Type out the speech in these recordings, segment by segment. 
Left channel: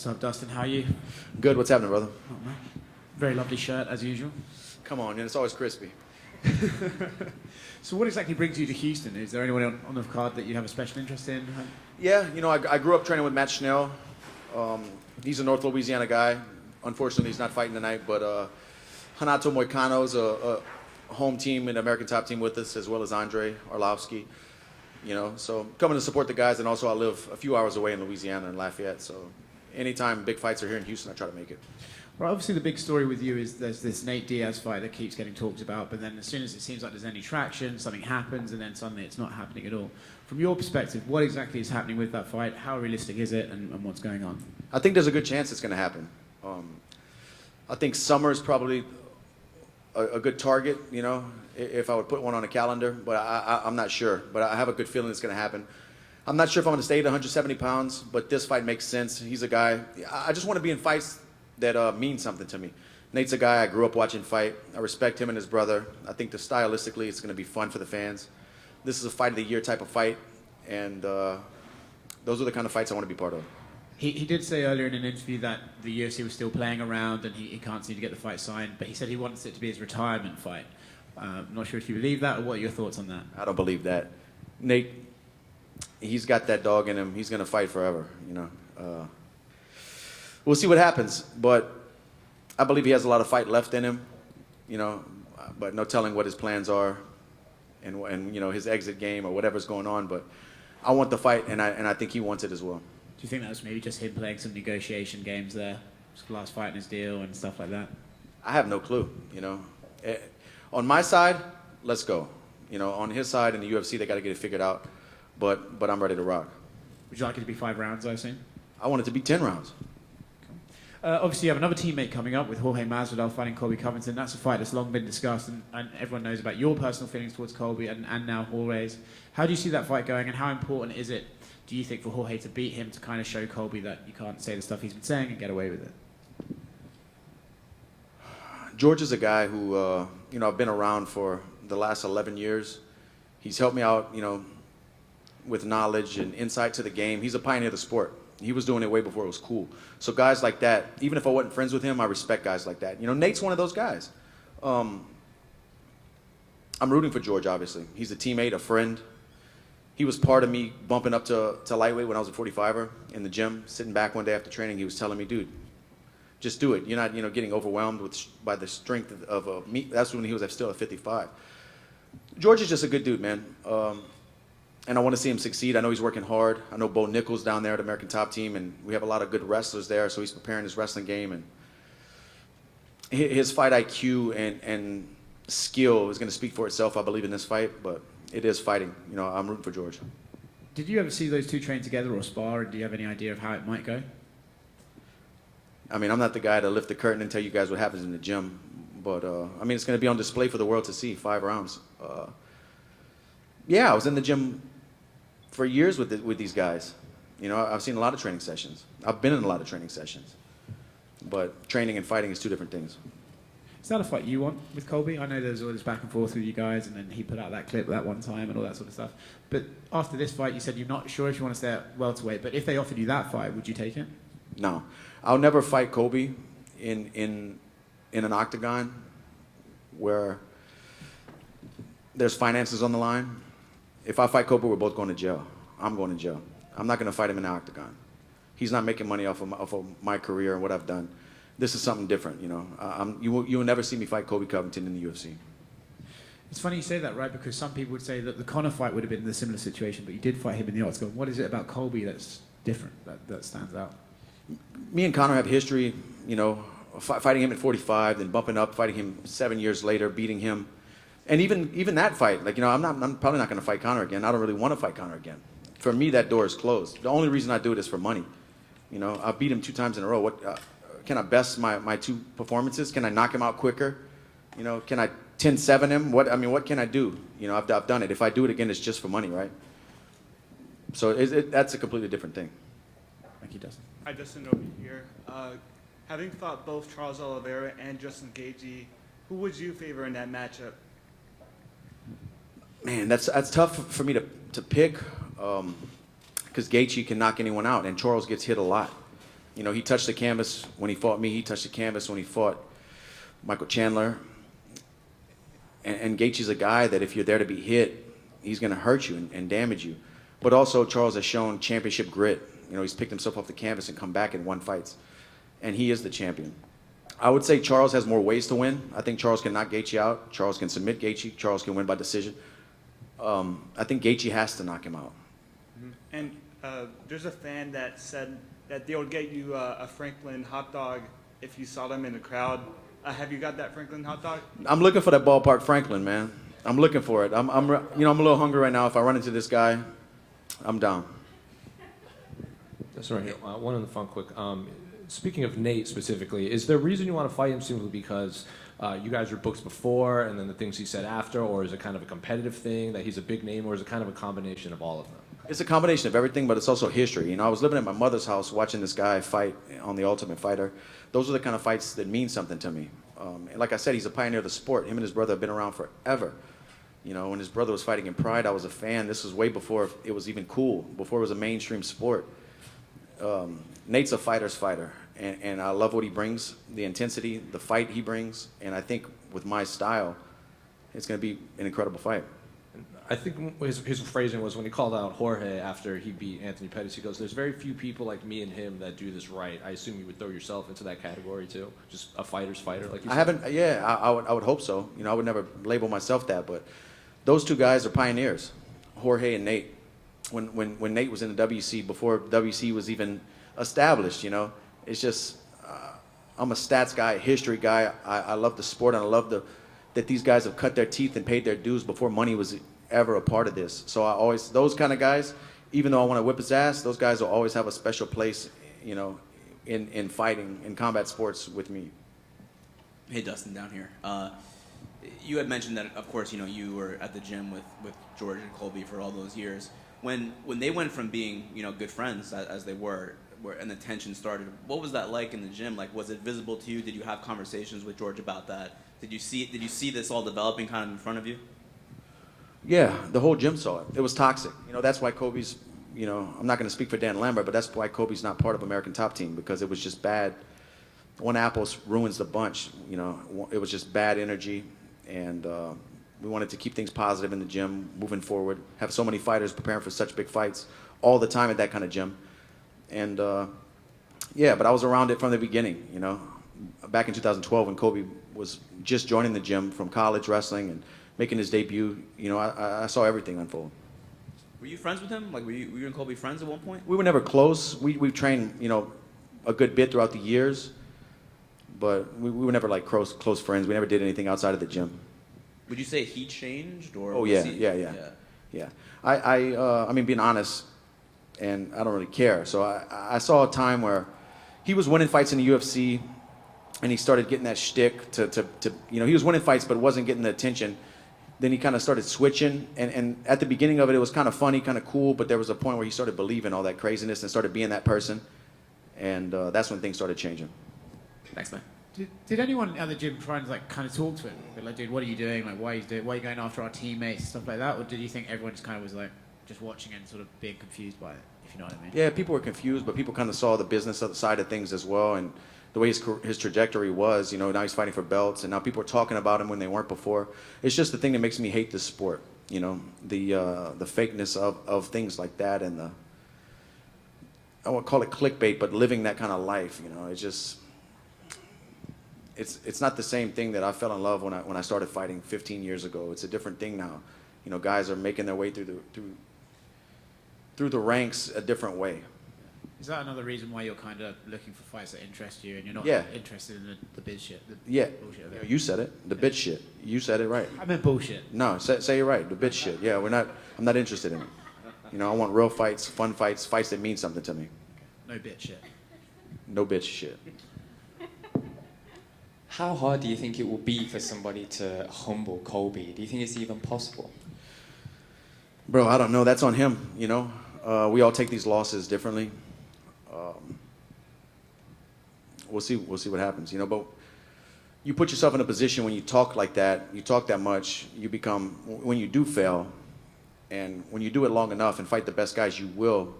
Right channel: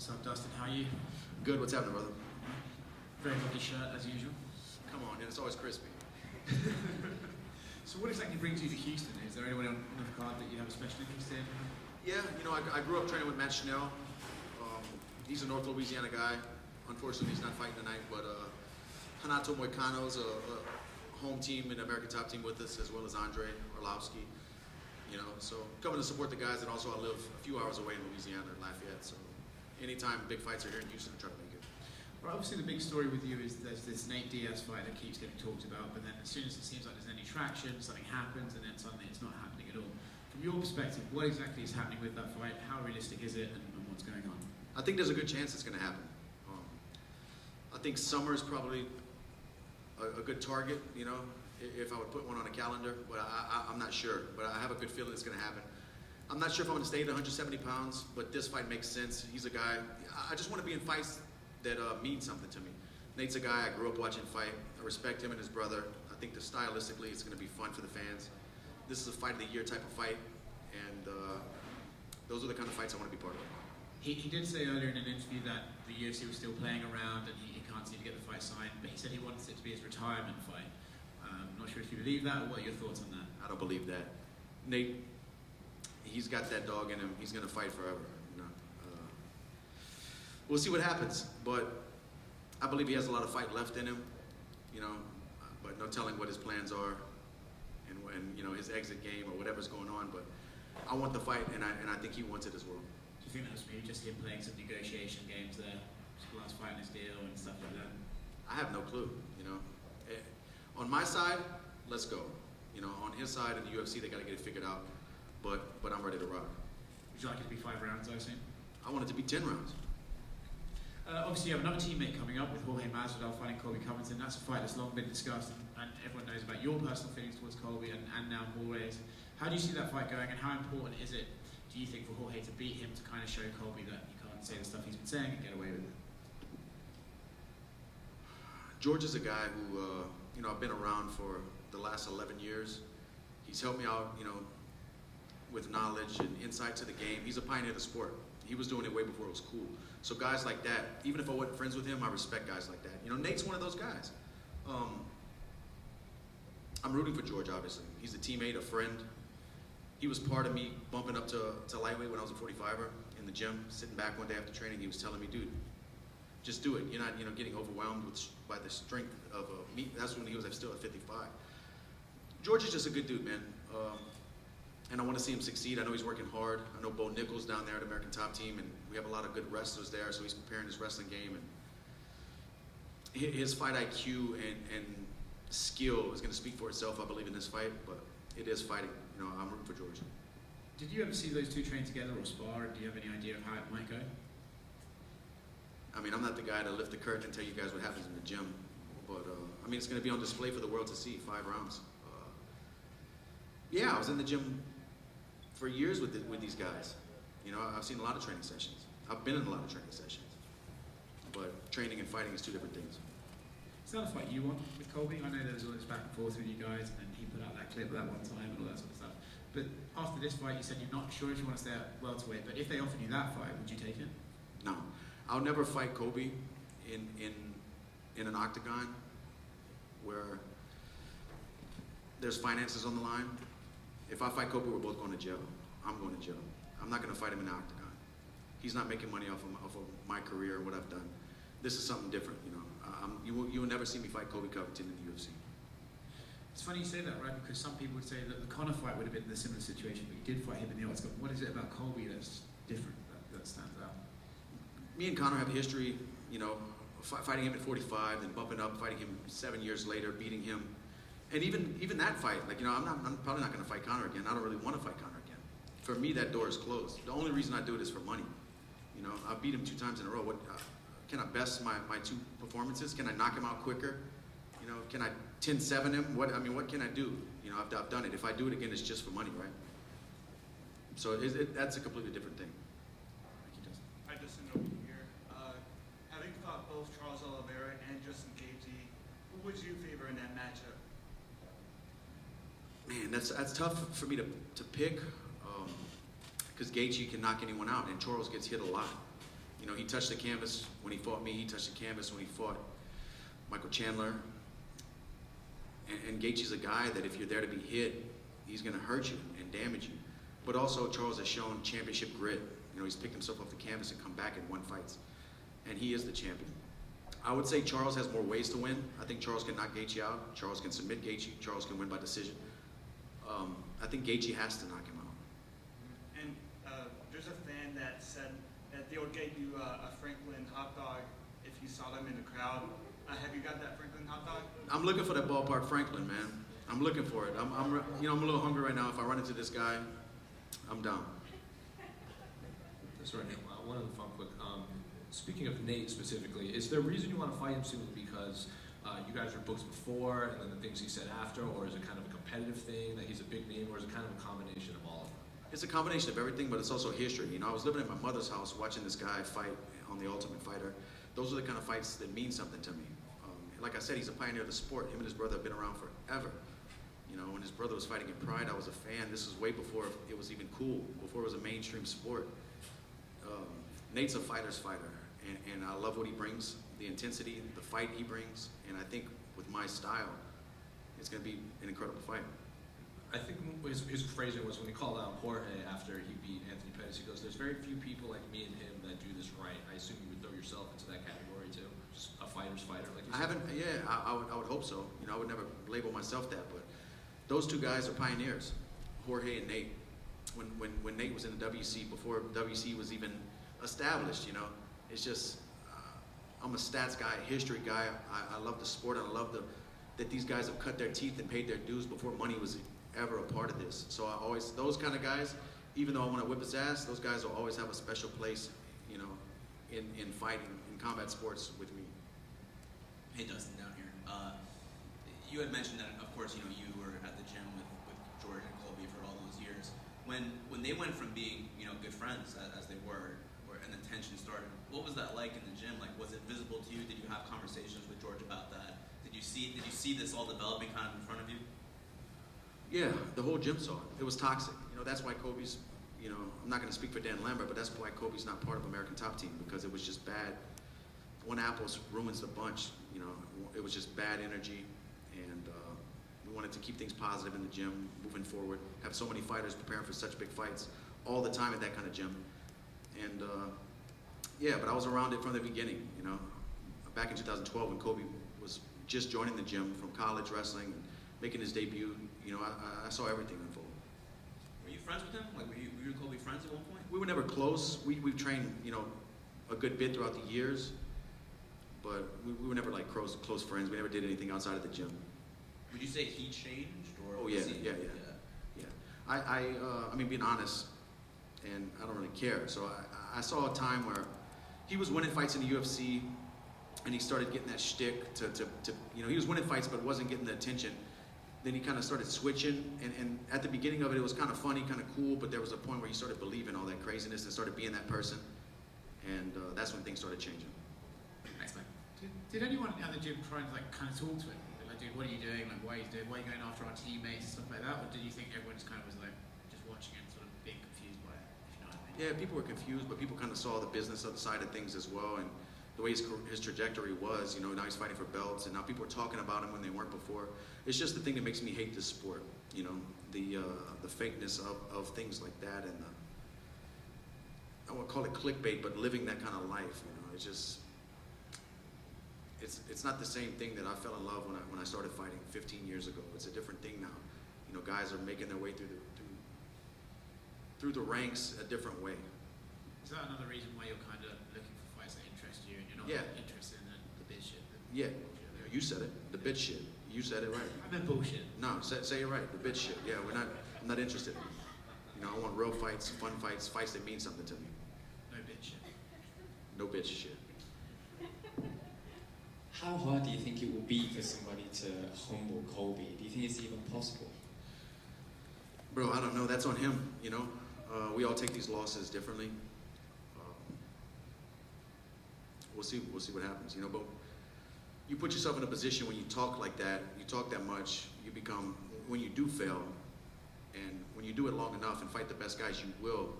What's up, Dustin? How are you? Good. What's happening, brother? Very lovely shirt, as usual. Come on, man. It's always crispy. So what exactly brings you to Houston? Is there anyone on the card that you have a special interest in? Yeah, you know, I grew up training with Matt Schnell. He's a North Louisiana guy. Unfortunately, he's not fighting tonight, but Hanato Moicano's a home team and American top team with us, as well as Andre Arlovsky. You know, so coming to support the guys, and also I live a few hours away in Louisiana in Lafayette, so anytime big fights are here in Houston, I try to make it. Well, obviously the big story with you is there's this Nate Diaz fight that keeps getting talked about, but then as soon as it seems like there's any traction, something happens, and then suddenly it's not happening at all. From your perspective, what exactly is happening with that fight? How realistic is it, and what's going on? I think there's a good chance it's going to happen. I think summer's probably a good target, you know, if I would put one on a calendar, but I'm not sure. But I have a good feeling it's going to happen. I'm not sure if I'm going to stay at 170 pounds, but this fight makes sense. He's a guy, I just want to be in fights that mean something to me. Nate's a guy I grew up watching fight. I respect him and his brother. I think that stylistically it's going to be fun for the fans. This is a fight of the year type of fight, and those are the kind of fights I want to be part of. He did say earlier in an interview that the UFC was still playing around and he can't seem to get the fight signed, but he said he wants it to be his retirement fight. Not sure if you believe that, or what are your thoughts on that? I don't believe that. Nate, he's got that dog in him. He's going to fight forever, you know. We'll see what happens, but I believe he has a lot of fight left in him, you know, but no telling what his plans are and you know, his exit game or whatever's going on. But I want the fight, and I think he wants it as well. Do you think that was maybe just him playing some negotiation games there, last fight in his deal and stuff like that? I have no clue, you know. On my side, let's go. You know, on his side in the UFC, they got to get it figured out. But I'm ready to rock. Would you like it to be 5 rounds, I assume? I want it to be 10 rounds. Obviously, you have another teammate coming up with Jorge Masvidal fighting Colby Covington. That's a fight that's long been discussed, and everyone knows about your personal feelings towards Colby and now Jorge's. How do you see that fight going, and how important is it, do you think, for Jorge to beat him to kind of show Colby that you can't say the stuff he's been saying and get away with it? George is a guy who, you know, I've been around for the last 11 years. He's helped me out, you know, with knowledge and insight to the game. He's a pioneer of the sport. He was doing it way before it was cool. So guys like that, even if I wasn't friends with him, I respect guys like that. You know, Nate's one of those guys. I'm rooting for George, obviously. He's a teammate, a friend. He was part of me bumping up to lightweight when I was a 45er in the gym, sitting back one day after training. He was telling me, dude, just do it. You're not, you know, getting overwhelmed by the strength of me. That's when he was still at 55. George is just a good dude, man. And I want to see him succeed. I know he's working hard. I know Bo Nichols down there at American Top Team, and we have a lot of good wrestlers there, so he's preparing his wrestling game. And his fight IQ and skill is going to speak for itself, I believe, in this fight, but it is fighting. You know, I'm rooting for George. Did you ever see those two train together or spar, and do you have any idea of how it might go? I mean, I'm not the guy to lift the curtain and tell you guys what happens in the gym, but, I mean, it's going to be on display for the world to see, 5 rounds. Yeah, I was in the gym for years with these guys. You know, I've seen a lot of training sessions. I've been in a lot of training sessions. But training and fighting is 2 different things. Is that a fight you want with Colby? I know there's all this back and forth with you guys, and then he put out that clip that one time and all that sort of stuff. But after this fight, you said you're not sure if you want to stay at welterweight, but if they offered you that fight, would you take it? No. I'll never fight Colby in an octagon where there's finances on the line. If I fight Colby, we're both going to jail. I'm going to jail. I'm not going to fight him in an octagon. He's not making money off of my career and what I've done. This is something different, you know. You will never see me fight Colby Covington in the UFC. It's funny you say that, right? Because some people would say that the Conor fight would have been the similar situation, but you did fight him in the octagon. What is it about Colby that's different, that stands out? Me and Conor have history, you know, fighting him at 45, then bumping up, fighting him 7 years later, beating him. And even that fight, like, you know, I'm probably not going to fight Conor again. I don't really want to fight Conor again. For me, that door is closed. The only reason I do it is for money. You know, I beat him 2 times in a row. What can I best my 2 performances? Can I knock him out quicker? You know, can I 10-7 him? What can I do? You know, I've done it. If I do it again, it's just for money, right? So that's a completely different thing. Thank you, Dustin. Hi, Dustin over here. Having fought both Charles Oliveira and Justin Gaethje, who would you favor in that matchup? Man, that's tough for me to pick, because Gaethje can knock anyone out, and Charles gets hit a lot. You know, he touched the canvas when he fought me. He touched the canvas when he fought Michael Chandler. And Gaethje's a guy that if you're there to be hit, he's going to hurt you and damage you. But also Charles has shown championship grit. You know, he's picked himself off the canvas and come back and won fights. And he is the champion. I would say Charles has more ways to win. I think Charles can knock Gaethje out. Charles can submit Gaethje. Charles can win by decision. I think Gaethje has to knock him out. And there's a fan that said that they would get you a Franklin hot dog if you saw them in the crowd. Have you got that Franklin hot dog? I'm looking for that ballpark Franklin, man. I'm looking for it. I'm a little hungry right now. If I run into this guy, I'm down. That's right. One on the fun quick. Speaking of Nate specifically, is there a reason you want to fight him simply because you guys were booked before and then the things he said after, or is it kind of a competitive thing that he's a big name, or is it kind of a combination of all of them? It's a combination of everything, but it's also history. You know, I was living at my mother's house watching this guy fight on The Ultimate Fighter. Those are the kind of fights that mean something to me. And like I said, he's a pioneer of the sport. Him and his brother have been around forever. You know, when his brother was fighting in Pride, I was a fan. This was way before it was even cool, before it was a mainstream sport. Nate's a fighter's fighter, and I love what he brings, the intensity, the fight he brings, and I think with my style, it's going to be an incredible fight. I think his phrasing was when he called out Jorge after he beat Anthony Pettis, he goes, there's very few people like me and him that do this right. I assume you would throw yourself into that category too? Just a fighter's fighter, like you said? I would hope so. You know, I would never label myself that, but those two guys are pioneers, Jorge and Nate. When Nate was in the WC, before WC was even established, you know, it's just, I'm a stats guy, history guy. I love the sport, and I love that these guys have cut their teeth and paid their dues before money was ever a part of this. So those kind of guys, even though I want to whip his ass, those guys will always have a special place, you know, in fighting, in combat sports with me. Hey, Dustin, down here. You had mentioned that, of course, you know, you were at the gym with George and Colby for all those years. When they went from being, you know, good friends as they were, and the tension started, what was that like in the gym? Like, was it visible to you? Did you have conversations with George about that? Did you see this all developing kind of in front of you? Yeah, the whole gym saw it. It was toxic. You know, that's why Kobe's, you know, I'm not going to speak for Dan Lambert, but that's why Kobe's not part of American Top Team, because it was just bad. One apple ruins the bunch, you know. It was just bad energy, and we wanted to keep things positive in the gym, moving forward, have so many fighters preparing for such big fights all the time at that kind of gym. And yeah, but I was around it from the beginning, you know. Back in 2012 when Kobe was just joining the gym from college wrestling and making his debut, you know, I saw everything unfold. Were you friends with him? Like, were you and Colby friends at one point? We were never close. We trained, you know, a good bit throughout the years, but we were never like close friends. We never did anything outside of the gym. Would you say he changed, or? Oh yeah. I mean, being honest, and I don't really care. So I saw a time where he was winning fights in the UFC, and he started getting that shtick to you know, he was winning fights but wasn't getting the attention. Then he kind of started switching, and at the beginning of it, it was kind of funny, kind of cool, but there was a point where he started believing all that craziness and started being that person, and that's when things started changing. Thanks, man. Did anyone at the gym try and like kind of talk to him? Like, dude, what are you doing? Like, why are you going after our teammates, stuff like that? Or did you think everyone just kind of was like just watching it and sort of being confused by it, if you know what I mean? Yeah, people were confused, but people kind of saw the business side of things as well, and the way his trajectory was. You know, now he's fighting for belts, and now people are talking about him when they weren't before. It's just the thing that makes me hate this sport. You know, the fakeness of things like that, and I won't call it clickbait, but living that kind of life. You know, it's just. It's not the same thing that I fell in love when I started fighting 15 years ago. It's a different thing now. You know, guys are making their way through the ranks a different way. Is that another reason why you're kind of looking for fights that interest you and you're not interested in the biz shit? Bullshit. You said it. The bitch shit. You said it right. I meant bullshit. No, say it right. The bitch shit. Yeah, I'm not interested in it. You know, I want real fights, fun fights, fights that mean something to me. No bitch shit. No bitch shit. How hard do you think it will be for somebody to humble Colby? Do you think it's even possible? Bro, I don't know. That's on him, you know. We all take these losses differently. We'll see what happens, you know. But you put yourself in a position when you talk like that, you talk that much, you become, when you do fail, and when you do it long enough and fight the best guys, you will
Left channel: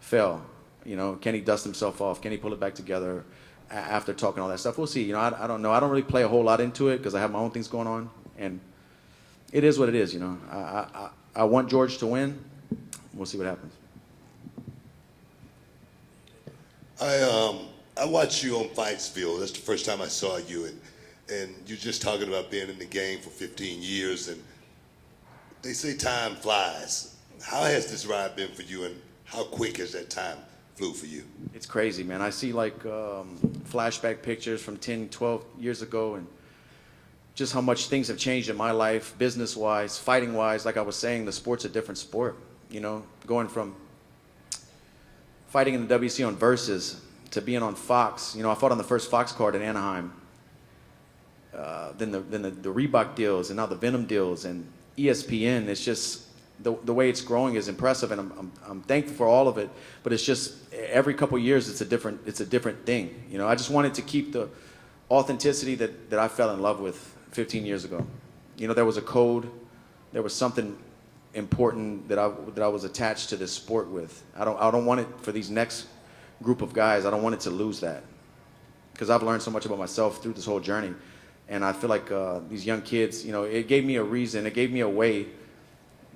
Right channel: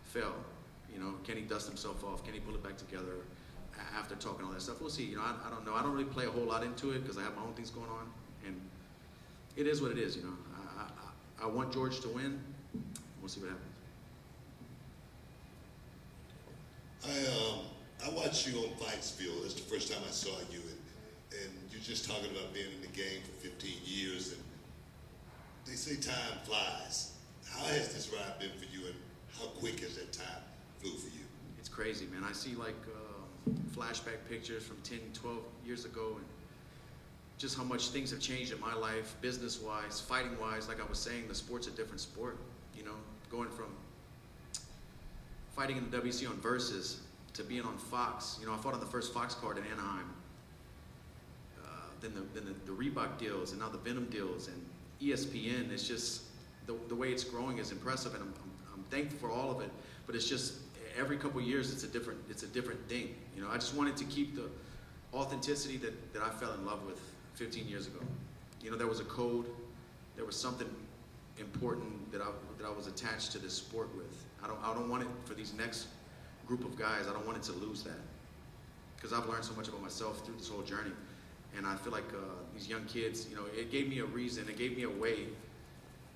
fail. You know, can he dust himself off? Can he pull it back together after talking all that stuff? We'll see. You know, I don't know. I don't really play a whole lot into it because I have my own things going on, and it is what it is. You know, I want George to win. We'll see what happens. I watched you on Fightsville. That's the first time I saw you, and you're just talking about being in the game for 15 years, and they say time flies. How has this ride been for you, and how quick has that time flew for you? It's crazy, man. I see like flashback pictures from 10, 12 years ago, and just how much things have changed in my life, business-wise, fighting-wise. Like I was saying, the sport's a different sport. You know, going from fighting in the WC on Versus to being on Fox. You know, I fought on the first Fox card in Anaheim. Then the Reebok deals, and now the Venom deals, and ESPN. It's just the way it's growing is impressive, and I'm thankful for all of it. But it's just every couple of years it's a different thing. You know, I just wanted to keep the authenticity that I fell in love with 15 years ago. You know, there was a code, there was something important that I was attached to this sport with. I don't want it for these next group of guys. I don't want it to lose that, because I've learned so much about myself through this whole journey, and I feel like these young kids, you know, it gave me a reason, it gave me a way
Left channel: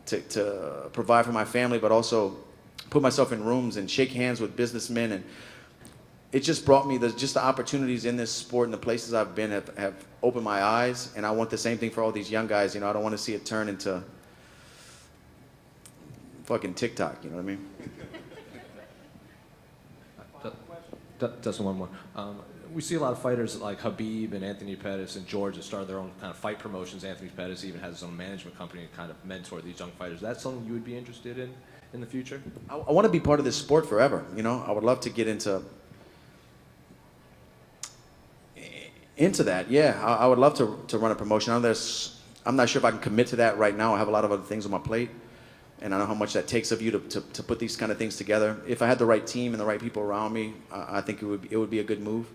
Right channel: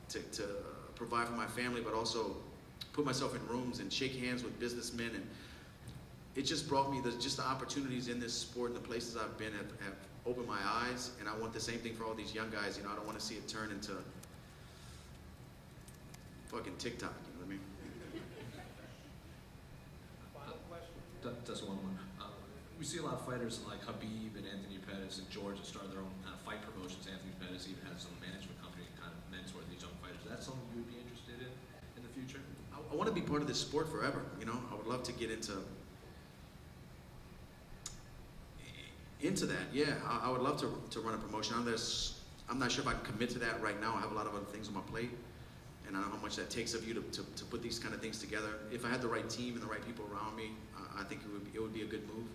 to provide for my family, but also put myself in rooms and shake hands with businessmen, and it just brought me the opportunities in this sport, and the places I've been have opened my eyes, and I want the same thing for all these young guys. You know, I don't want to see it turn into fucking TikTok, you know what I mean? Dustin, one more. We see a lot of fighters like Habib and Anthony Pettis and George that started their own kind of fight promotions. Anthony Pettis even has his own management company and kind of mentor these young fighters. Is that something you would be interested in the future? I want to be part of this sport forever, you know? I would love to get into that, yeah. I would love to run a promotion. I'm not sure if I can commit to that right now. I have a lot of other things on my plate, and I know how much that takes of you to put these kind of things together. If I had the right team and the right people around me, I think it would be a good move.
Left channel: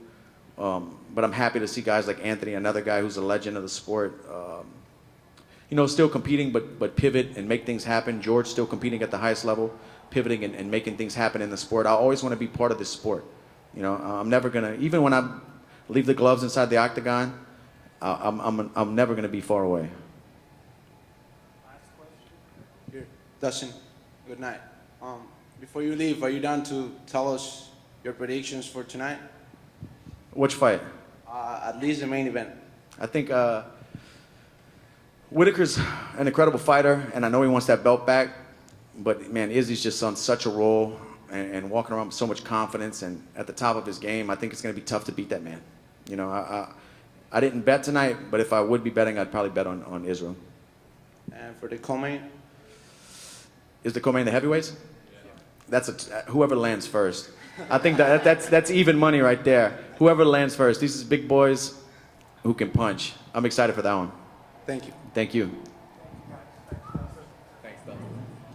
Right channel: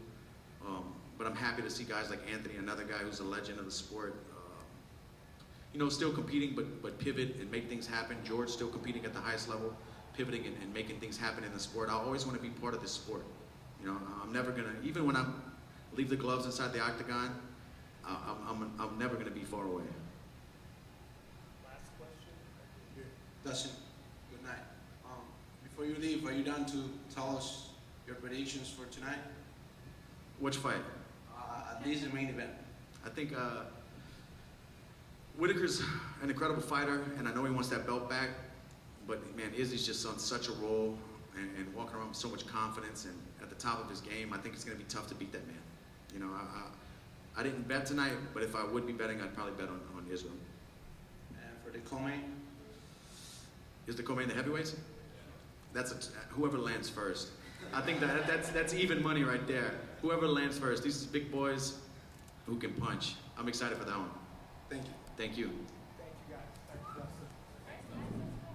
But I'm happy to see guys like Anthony, another guy who's a legend of the sport, you know, still competing, but pivot and make things happen. George still competing at the highest level, pivoting and making things happen in the sport. I always want to be part of this sport. You know, I'm never gonna, even when I leave the gloves inside the octagon, I'm never gonna be far away. Dustin, good night. Before you leave, are you down to tell us your predictions for tonight? Which fight? At least the main event. I think Whitaker's an incredible fighter, and I know he wants that belt back, but man, Izzy's just on such a roll and walking around with so much confidence and at the top of his game. I think it's going to be tough to beat that man. You know, I didn't bet tonight, but if I would be betting, I'd probably bet on Israel. And for the co-main? Is the co-main the heavyweights? That's whoever lands first. I think that's even money right there. Whoever lands first. These are big boys who can punch. I'm excited for that one. Thank you. Thank you.